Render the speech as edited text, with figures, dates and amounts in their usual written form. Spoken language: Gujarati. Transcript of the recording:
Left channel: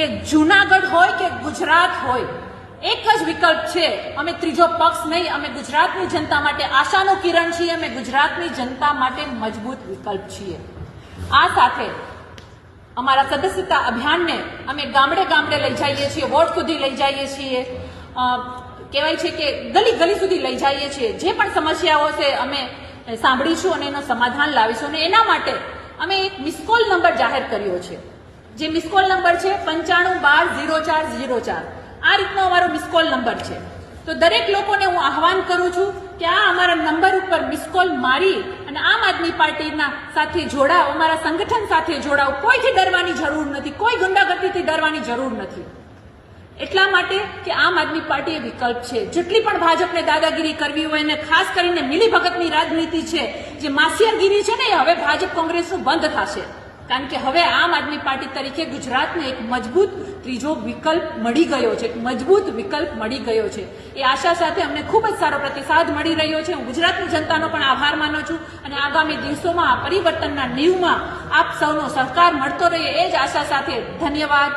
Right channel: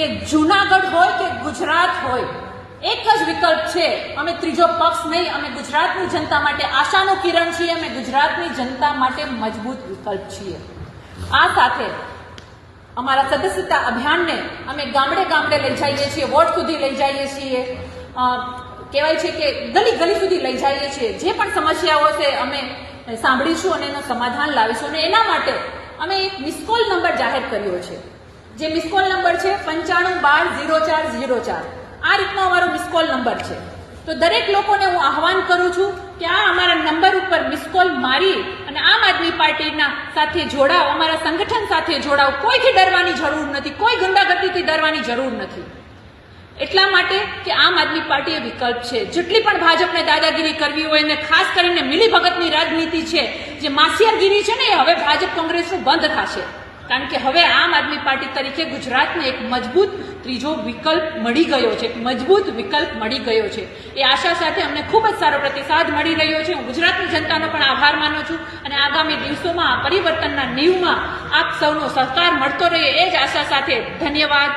કે જૂનાગઢ હોય કે ગુજરાત હોય, એક જ વિકલ્પ છે, અમે ત્રીજો પક્ષ નહીં, અમે ગુજરાતની જનતા માટે આશાનો કિરણ છીએ, અમે ગુજરાતની જનતા માટે મજબૂત વિકલ્પ છીએ। આ સાથે અમારા સદસ્યતા અભિયાનને અમે ગામડે ગામડે લઈ જઈએ છીએ, વોર્ડ સુધી લઈ જઈએ છીએ, કહેવાય છે કે ગલી ગલી સુધી લઈ જઈએ છીએ। જે પણ સમસ્યાઓ છે અમે સાંભળીશું અને એનું સમાધાન લાવીશું અને એના માટે અમે એક મિસકોલ નંબર જાહેર કર્યો છે, જે મિસકોલ નંબર છે 95120404। આ રીતનો અમારો મિસકોલ નંબર છે। તો દરેક લોકોને હું આહવાન કરું છું કે આ અમારા નંબર ઉપર મિસકોલ મારી અને આમ આદમી પાર્ટીના સાથે જોડાઓ, અમારા સંગઠન સાથે જોડાઓ। કોઈથી ડરવાની જરૂર નથી, કોઈ ગુંડાગર્દીથી ડરવાની જરૂર નથી, એટલા માટે કે આમ આદમી પાર્ટી એ વિકલ્પ છે। જેટલી પણ ભાજપને દાદાગીરી કરવી હોય અને ખાસ કરીને મિલીભગતની રાજનીતિ છે, જે માસિયાગીરી છે ને, એ હવે ભાજપ કોંગ્રેસનું બંધ થશે, કારણ કે હવે આમ આદમી પાર્ટી તરીકે ગુજરાતને એક મજબૂત ત્રીજો વિકલ્પ મળી ગયો છે, એક મજબૂત વિકલ્પ મળી ગયો છે। એ આશા સાથે અમને ખૂબ જ સારો પ્રતિસાદ મળી રહ્યો છે। હું ગુજરાતની જનતાનો પણ આભાર માનું છું અને આગામી દિવસોમાં પરિવર્તનના નીવમાં આપ સૌનો સહકાર મળતો રહે એ જ આશા સાથે ધન્યવાદ।